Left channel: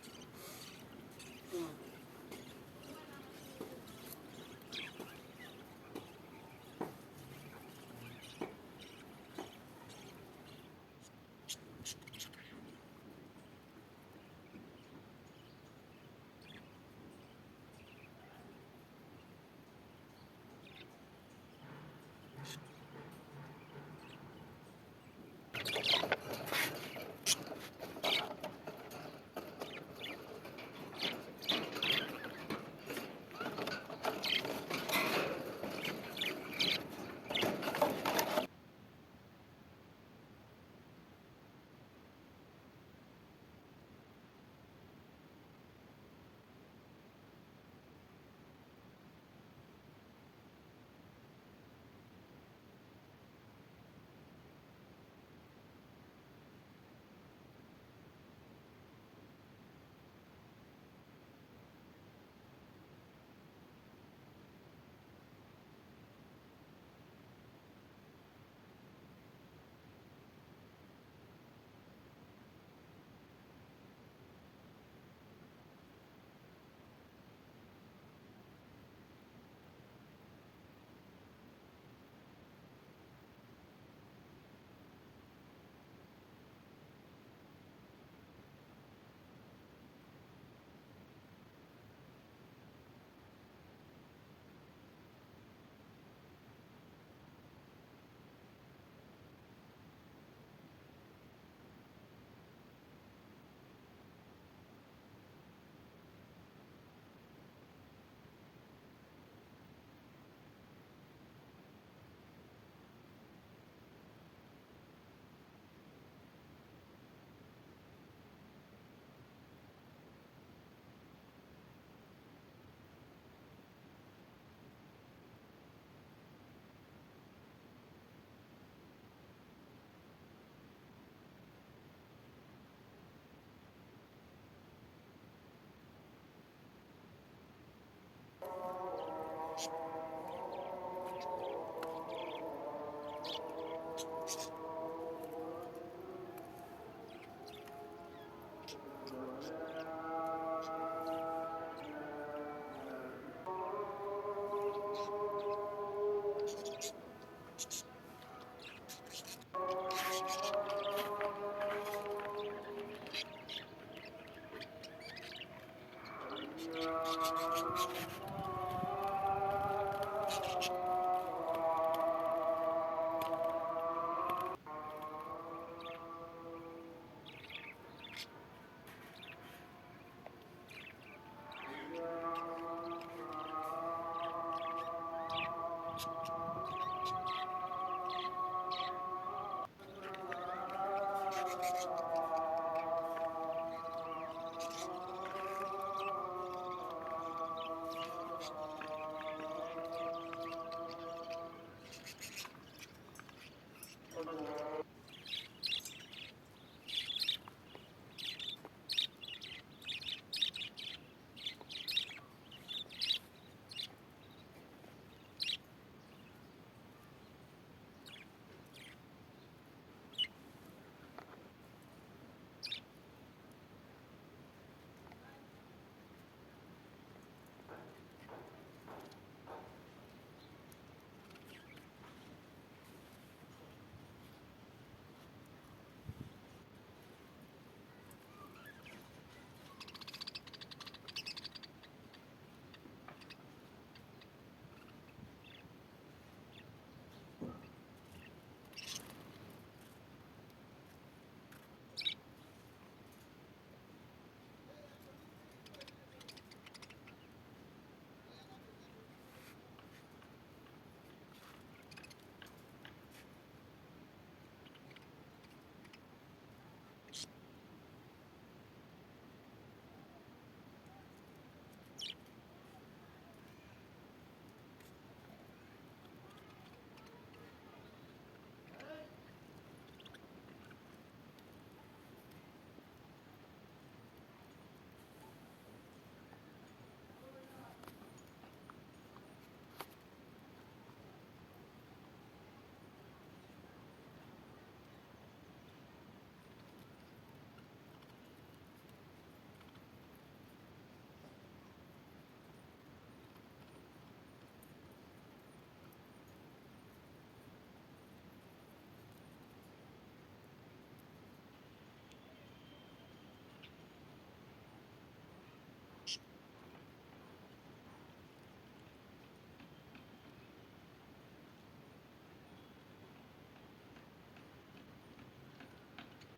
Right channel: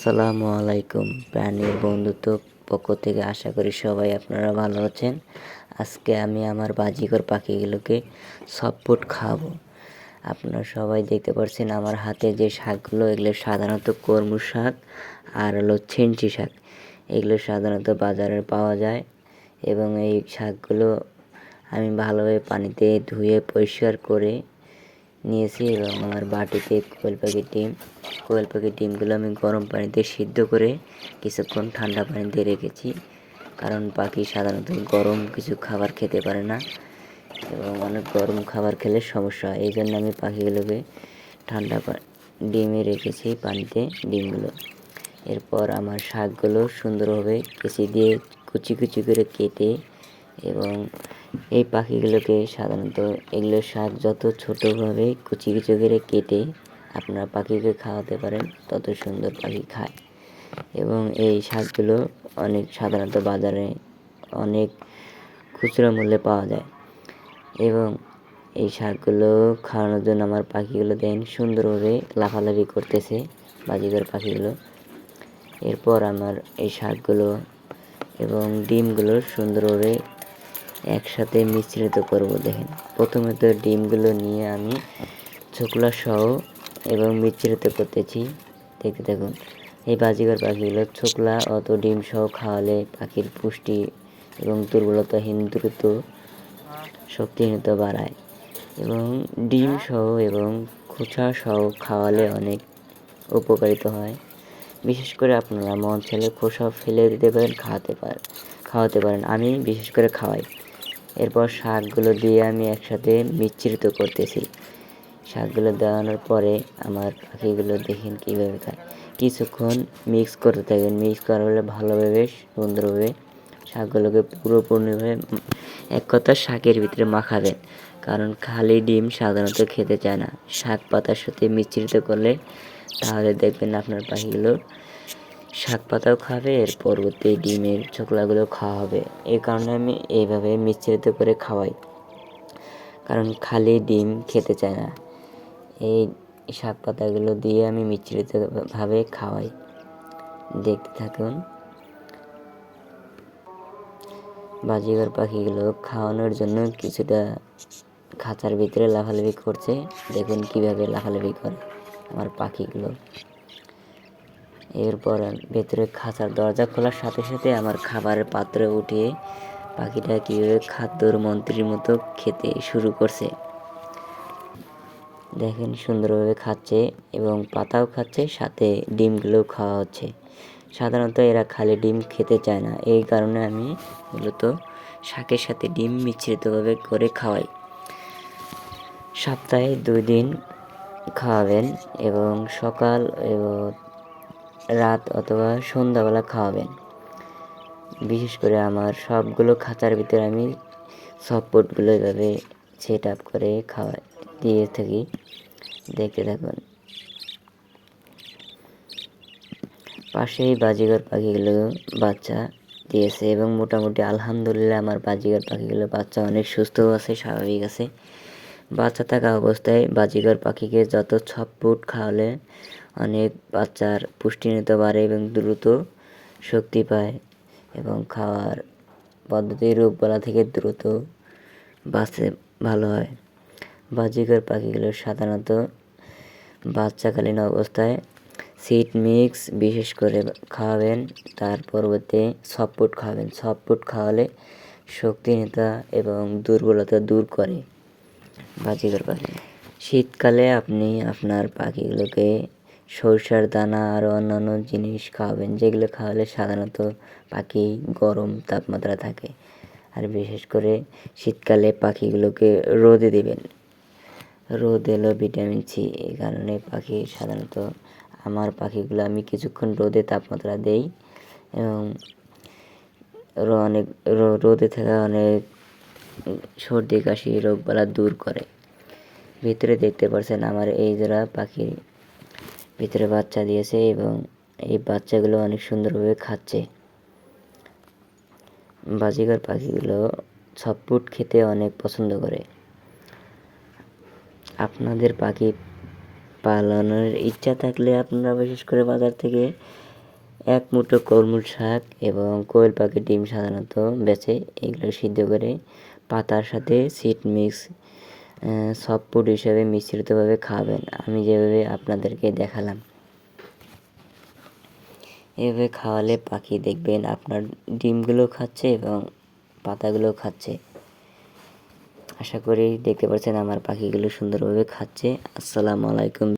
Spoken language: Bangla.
আসসালামু আলাইকুম প্রাণীর বন্ধুত্ব পক্ষ থেকে আশা করি সবাই আপনারা ভালো আছেন। আজকে আমি আমার বাজিকর পাখিগুলোকে সফট খাওয়াবো। আপনারা সবাই দেখতে পাচ্ছেন আমার হাতে যে শাকগুলো, এগুলো সাধারণত কলমি শাক আর হলো ছিমছি শাক। এগুলো সাধারণত বাজারে পাওয়া যায় এবং এই শাকগুলো আমি ভালোভাবে পানিতে ধুয়ে পরিষ্কার করে নিয়েছি এবং আমার বাটিতে কোয়েল পাখির ডিমগুলো আমি গরম পানিতে সিদ্ধ করে কিছুক্ষণ ঠান্ডা পানিতে রেখেছি, কারণ পাখি সাধারণত গরম কিছু খাবার খেতে পারে না এবং অনেক গরম খাবার খেলে সমস্যা হয়। এই জন্য আমি পাখিগুলোকে ঠান্ডা ডিমে রেখেছি পানিতে ডিমগুলো। এরপর আমার শাকগুলো সুন্দরভাবে কেচি দিয়ে কুচি কুচি করে কেটে এবং এই পাখিগুলোকে সাধারণত এগুলো শাক যত ছোটোভাবে কুচি কুচি করে কেটে আপনার পাখিকে খাওয়াতে পারেন তত সুন্দর পাখি খায়। এবং এই শাকগুলো অনেক সাধারণত বাজারে অনেক খুচরা মূল্যে পাওয়া যায় এবং এই শাকগুলো খাওয়ানোর জন্য আমার পাখিগুলো দেন সুন্দরভাবে লাফালাফি করতেছে, বাজিগর পাখিগুলো। এরপর আমার এই শাকগুলো এবং ডিমগুলো সুন্দরভাবে একসাথে মিশ্রিত করব। দেখেন, প্রথমে তো ডিমগুলো নিয়ে আমি ছোকলা সহ এবং মিশ্রিত করতেছি। দেখতে দেখুন, এই বাজিগর পাখিগুলো ছোকলা অত ডিম সহ খাওয়ালে পাখির পুষ্টি এবং দুর্বলতাহীন দ্রুত শক্তিহীনতা বাড়ায় এবং ডিম সহ এবং খোসা সহ খাওয়ালে অনেক উপকারিত হয়। বিশেষ করে আপনারা মন চাইলে খোসা ফেলে দিতে পারেন, খাওয়াতে পারেন। আমি বিশেষ করে খাওয়াই। এরপর শাকগুলো দিয়ে আমি একসাথে মিশ্রিত করতেছি। শাকগুলো দেওয়ানোর পরে আমার পাখিগুলো দেখেন কীভাবে খায়। কিছুক্ষণ মিক্স করতে থাকবেন। মিক্স করা হলে ভালোভাবে সুন্দরভাবে শাকগুলোকে পুরোপুরিভাবে এক কথা শাকের ভিতরে মাখাবেন, কারণ খালি ডিম সাধারণত খেতে চায় না। শাক পাতার সাথে মিশ্রিত করলে তাহলে দেখবেন আপনার পাখিগুলো শাক পাতাও খাবে, এর পরবর্তী ডিমের ছোকলাগুলো খাওয়া হবে। এই কারণে আমি এইভাবে মিশ্রিত করে খাওয়াই, কারণ খালি ডিম খেতে চায় না। এই শাক পাতাগুলো দিয়ে আমি মিশ্রিতভাবে খাওয়াই। দেখতে থাকুন। বাজিগর পাখিগুলো খাওয়ানোর জন্য কিছুটা খাঁচার ভিতরে লাফালাফি করছে। দেখুন কীভাবে লাফালাফি করে আমার পাখিগুলো। এরপর ভেতরে খাঁচার দরজা খোলার সাথে সাথে আমার খাবারের পাত্রে উঠিয়ে পাখিটা কীভাবে খাদ্যর মন্ত্রীর মতো খেতে শুরু করছে। দেখেন সুন্দরভাবে খাচ্ছে এবং পাতাও খাচ্ছে, সাথে ডিমগুলোও খাওয়া হচ্ছে। সাধারণত এরা খালি ডিম খেতে চায় না, এই কারণে আমি মূলত শাকের সাথে ডিম মিশ্রিতভাবে করে খাওয়াই। সপ্তাহে 2 দিন খাওয়াবেন এবং সকাল এবং রাত অথবা সন্ধ্যাবেলা খাওয়াবেন। বিশেষ করে আমার সবগুলো খাঁচার ভিতরে আমি সফটগুলো এভাবে সেট আপ করে দিয়ে থাকি। দেখতে থাকুন। পাশেই বাজিগর পাখিগুলো বাচ্চা দিয়েছে এবং মোটামুটি আলহামদুলিল্লাহ আমার বাজিগর পাখিগুলো বাচ্চা অনেক সুস্থ আছে, স্বাভাবিক আছে। বাচ্চা থাকা অবস্থায় বাজিগর পাখিকে যত সফট খাওয়ালে অনেক বাচ্চার পুষ্টিহীনতা বাড়ে এবং দ্রুত শক্তি পায় এবং খাওয়ার পদ্ধতি রোগবালা থেকে দ্রুত বাঁচতে ভালো হয়। বাজিগর পাখিগুলো সাধারণত বাচ্চাকালীন অবস্থায় সিড মিক্স বিশেষ করে খাওয়াবেন, তার পরবর্তী সফট খাওয়াবেন। সফট খাওয়ালে শক্তিহীনতা এবং দুর্বলতা দূর করে বাজিগর পাখি। শীতকালে আপনি আপনার পাখিগুলোকে সরিষার দানা আর অন্যান্য জিনিস খাওয়াবেন, যেগুলো খাওয়ালে সাধারণত পাখি গরম তাপমাত্রা থাকে। আর বিশেষ করে শীতকালে পাখিগুলোকে রোদে দিবেন। রোদ এলো ভিটামিন সি, এই কারণে পাখি সাধারণত আমার পাখিগুলো আমি কিছুক্ষণ রোদে তাপমাত্রা দেই এবং অনেক রোদে থাকা অনেক সর্দি কাশি রোগবালা দূর করে। ভিতরে দেখতে পাচ্ছেন আমার এই জোড়া পাখি ভিতরে বাচ্চা দিয়েছে এবং এই বাচ্চাগুলো অনেক সুন্দরভাবে খাচ্ছে। বাজিগর পাখিগুলো সফট খেতে অনেক পছন্দ করে। আপনাদের পাখি পালনের ইচ্ছা থাকলে আপনারা বিশেষ করে বাজার থেকে এক মুঠো কলমুল শাক এবং কোয়েল পাখির ডিম সাধারণত বেচে, এগুলো সিদ্ধ করে পাতার সাথে সিড মিক্স সফট ফুড হিসেবে মিশ্রিতভাবে খাবেন। আমি যেভাবে আপনাদেরকে দেখালাম, এভাবে খাওয়ালে পাখি দেখবেন আপনার ডিমগুলো খাচ্ছে এবং পাতাগুলো খাচ্ছে। আশা করি দেখতে পাচ্ছেন আমার পাখিগুলো সুন্দরভাবে খাচ্ছে। আসসালামু আলাইকুম।